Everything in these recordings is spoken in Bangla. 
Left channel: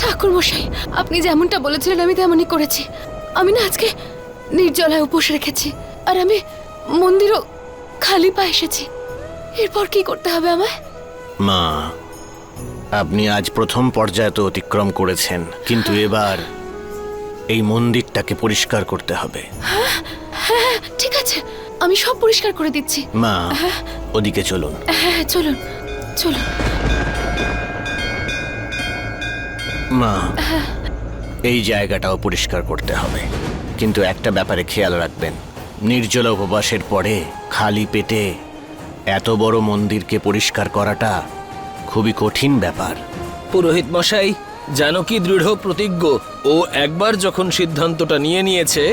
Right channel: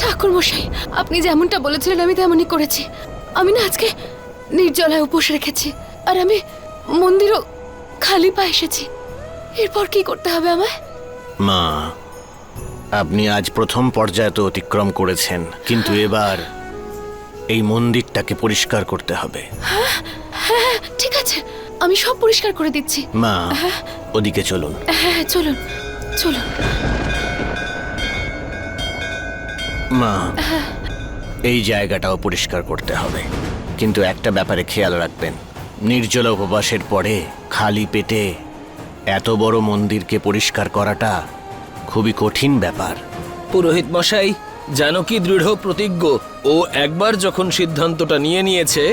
ঠাকুর মশাই, আপনি যেমনটা বলেছিলেন আমি তেমনই করেছি। আমি না আজকে নির্জলায় উপোস রেখেছি, আর আমি মন্দিরও খালি পায়ে এসেছি। এরপর কি করতে হবে আমায়? মা, আপনি আজ প্রথম পর্যায়ে তো অতিক্রম করেছেন, কিন্তু এবার এই মন্দিরটাকে পরিষ্কার করতে হবে। হ্যাঁ, ঠিক আছে, আমি সব পরিষ্কার করে দিচ্ছি। মা, ওদিকে চলুন। হ্যাঁ, চলুন চলুন। মা, এই জায়গাটাও পরিষ্কার করতে হবে, কিন্তু একটা ব্যাপারে খেয়াল রাখবেন। নির্জলা উপবাসের পরে খালি পেটে এত বড় মন্দিরকে পরিষ্কার করাটা খুবই কঠিন ব্যাপার। পুরোহিত মশাই, জানকী দৃঢ় প্রতিজ্ঞ। ও একবার যখন সিদ্ধান্তটা নিয়ে নিয়েছে,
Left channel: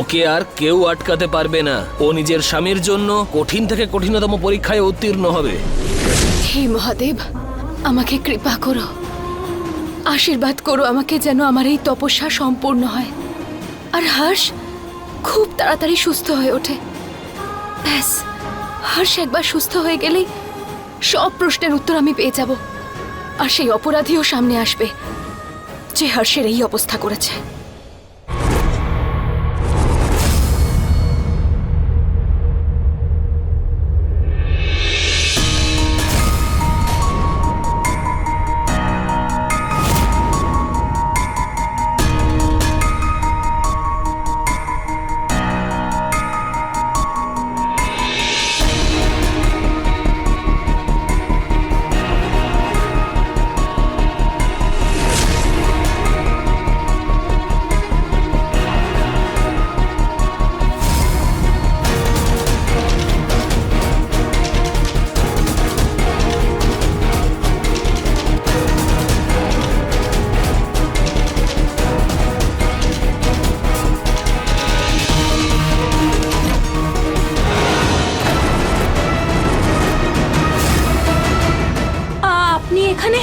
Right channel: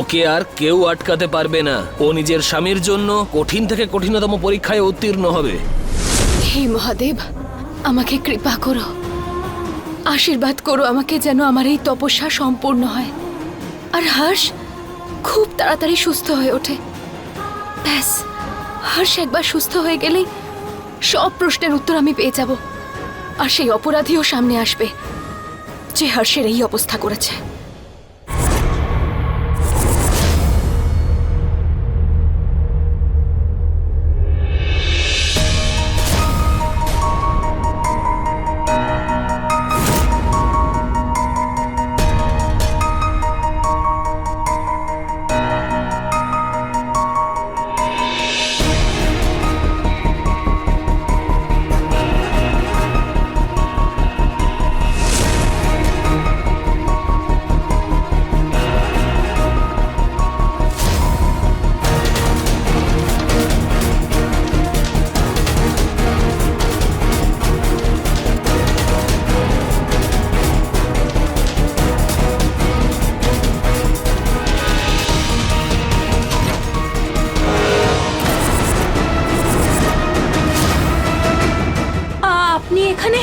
ওকে আর কেউ আটকাতে পারবে না। ও নিজের স্বামীর জন্য কঠিন থেকে কঠিনতম পরীক্ষায় উত্তীর্ণ হবে। হে মহাদেব, আমাকে কৃপা করো, আশীর্বাদ করো আমাকে, যেন আমার এই তপস্যা সম্পূর্ণ হয় আর হর্ষ খুব তাড়াতাড়ি সুস্থ হয়ে ওঠে। ব্যাস, হর্ষ একবার সুস্থ হয়ে গেলেই সব প্রশ্নের উত্তর আমি পেয়ে যাব, আর সেই অপরাধীও সামনে আসবে যে হর্ষের এই অবস্থা করেছে। আপনি এখানে?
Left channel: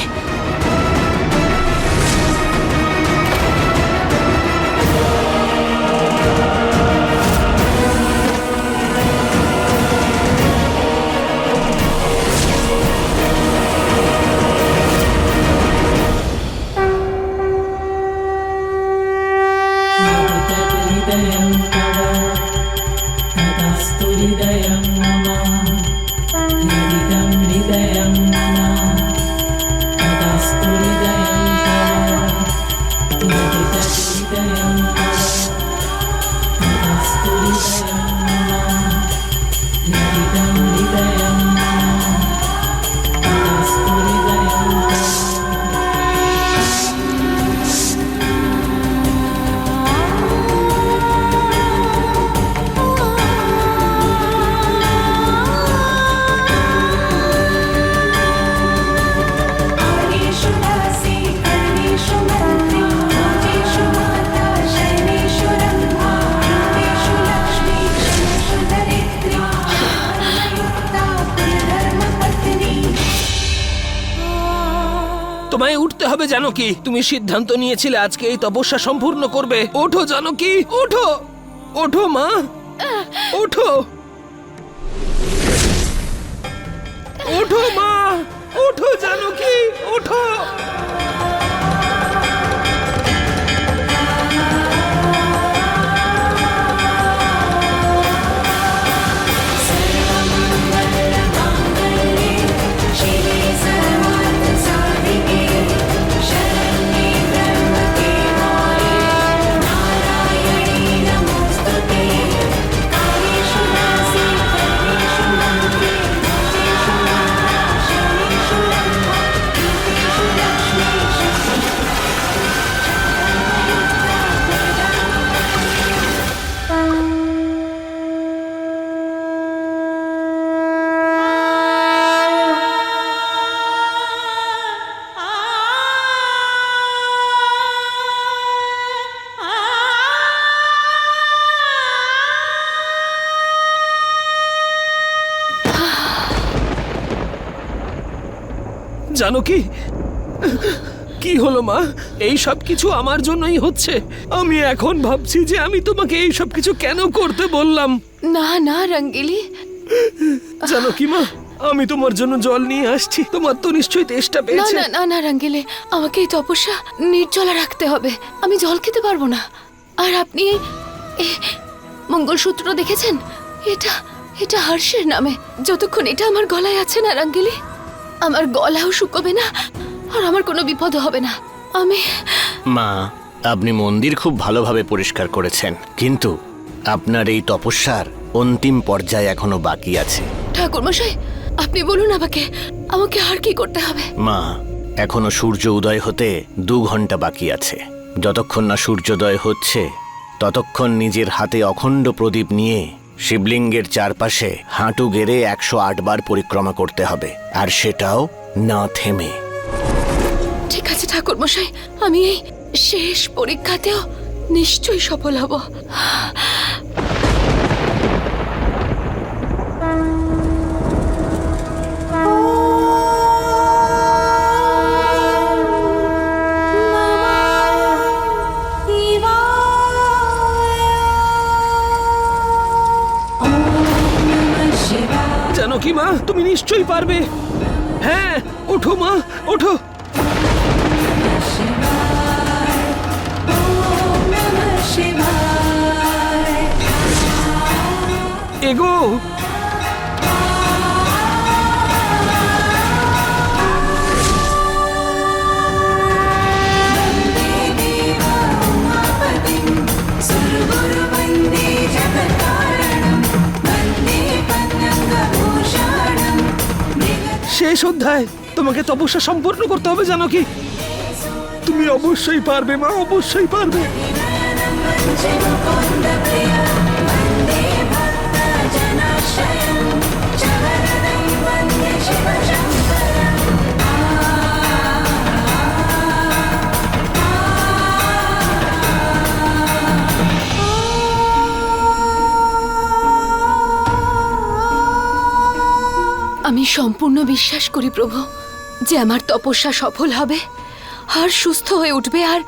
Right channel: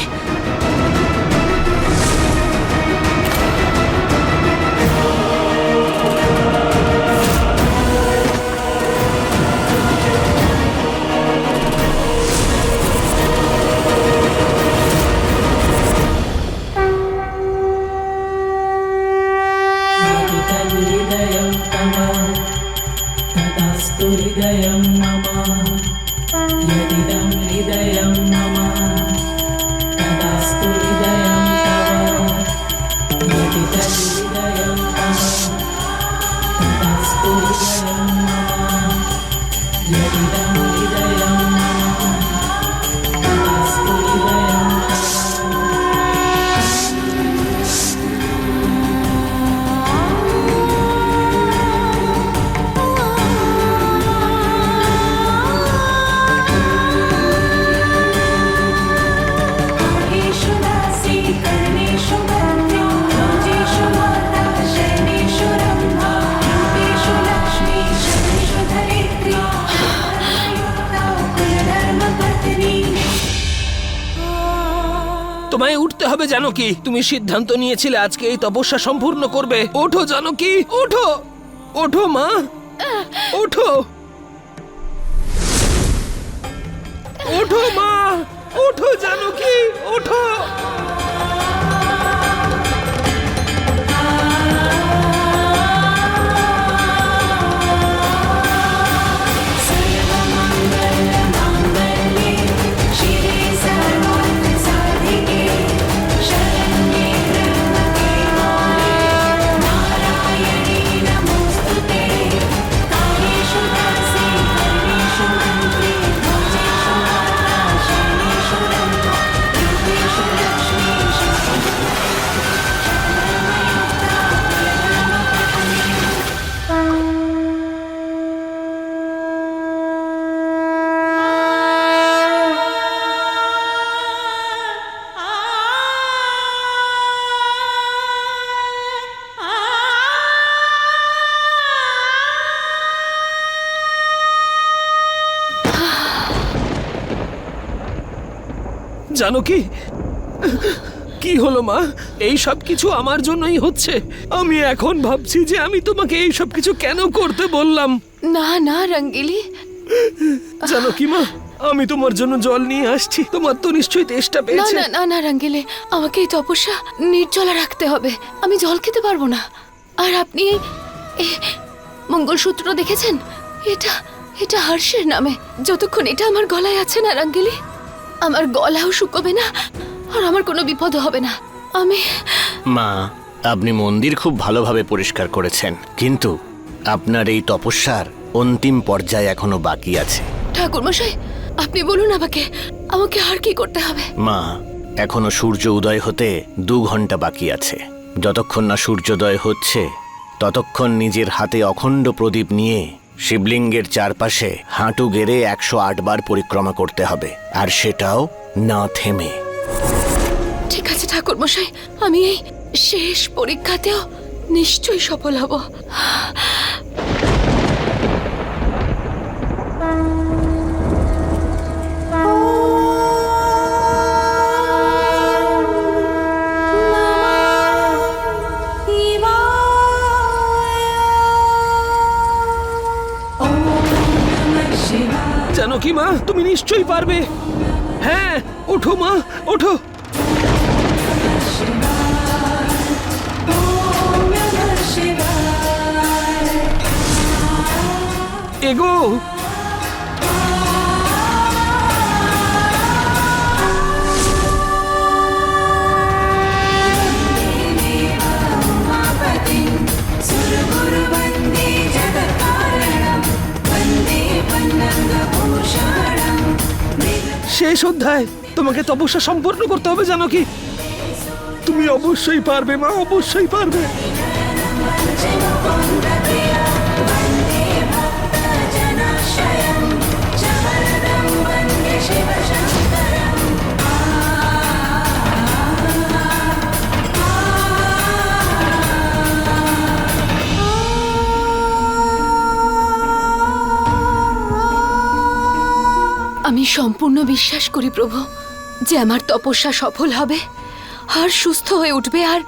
তোমায় উঠতে হবে জানকী। তুমি সিদ্ধান্ত নিয়েছিলে আজকে এই তপস্যা সম্পূর্ণ করবে। ওঠো জানকী, ওঠো, ওঠো মা, ওঠো, ওঠো মা, ওঠো জানকী, ওঠো। জানকী, কি হলো মা? এই সব কিছু আমার জন্যই হচ্ছে। আমি এখন ভাবছি যে আমি তোমাকে এই সব কিছু কেন করতে বললাম। না না রঙ্গিলি, জানকী মা, আমি তোমার জন্য জল নিয়ে আসছি। তোমার তো নিশ্চয়ই তেষ্টা না পেয়েছে। না না না রঙ্গিলি, আমাকে এই তপস্যা নির্জলা রাখতে হবে। আমি জল খেতে পারবো না। আর আপনি এই মঙ্গলসূত্র দেখেছেন? এটা এটা হর্ষের নামে। যতক্ষণ এটা আমার গলায় আছে না রঙ্গিলি, আমার গলাও শুকোবে না, আর আমার কোনো বিপদ হবে না। আমি মা, আপনি মন্দির খুব ভালোভাবে পরিষ্কার করেছেন, কিন্তু আপনার এই তপস্যার অন্তিম পর্যায়ে এখনো বাকি আছে। ঠাকুরমশাই, আপনি বলুন আমাকে আমাকে আর কি করতে হবে? মা, এখনো সূর্য উদয় হতে 2 ঘন্টা বাকি আছে। যতক্ষণ না সূর্যোদয় হচ্ছে ততক্ষণ নিজের হাতে অখণ্ড প্রদীপ নিয়ে শিবলিঙ্গের চারপাশে হাঁটু গেড়ে 108 বার পরিক্রমা করতে হবে, আর সেটাও না থেমে। ঠিক আছে ঠাকুরমশাই, আমি এই শেষ পরীক্ষাতেও নিশ্চয়ই সফল হব। জানকী মা, তুমি নিশ্চয়ই পারবে। হ্যাঁ, ওঠো মা, ওঠো। এগো। শেষ অধ্যায়। তোমাকে তপস্যা সম্পূর্ণ করতে হবে জানকী। তুমি অবশ্যই পারবে মা, অবশ্যই পারবে। আমি সম্পূর্ণ বিশ্বাস করি প্রভু যে আমার তপস্যা সফল হবে, আর সুস্থ হয়ে উঠবে, আর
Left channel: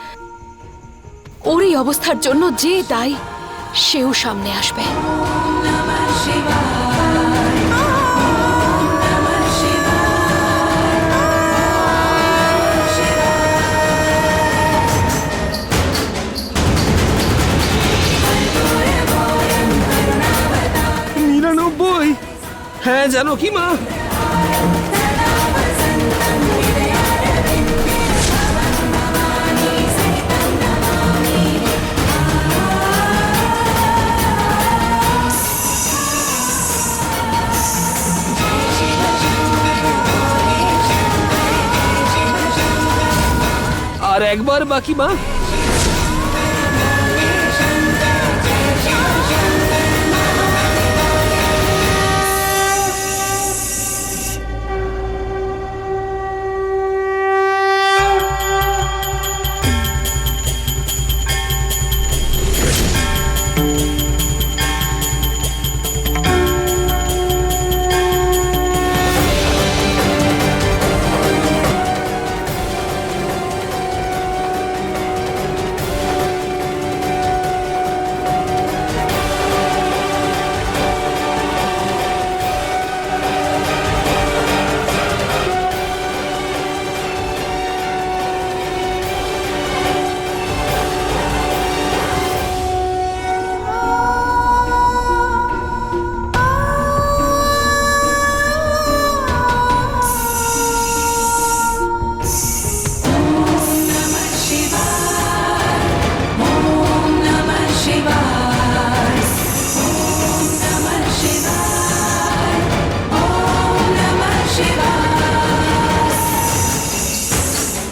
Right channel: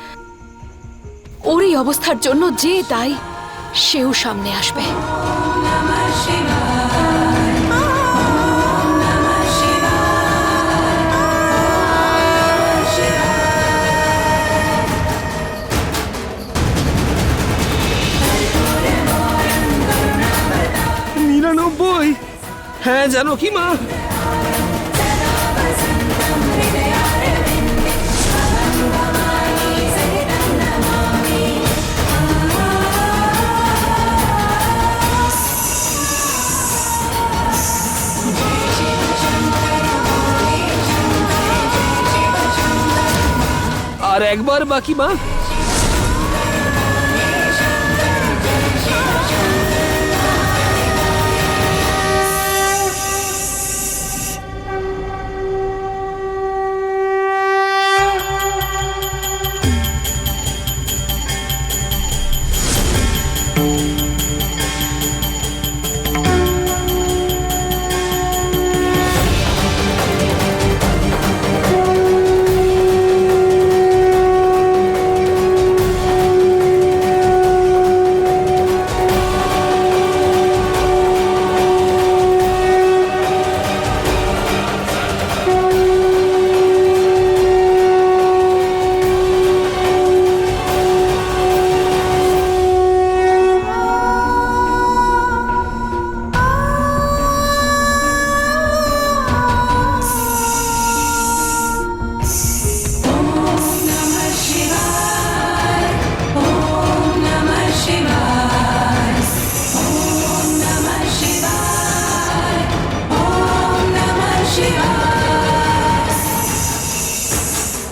ওর এই অবস্থার জন্য যে দায়ী সেও সামনে আসবে। নিরানব্বই। হ্যাঁ জানকী মা। আর একবার বাকি মা।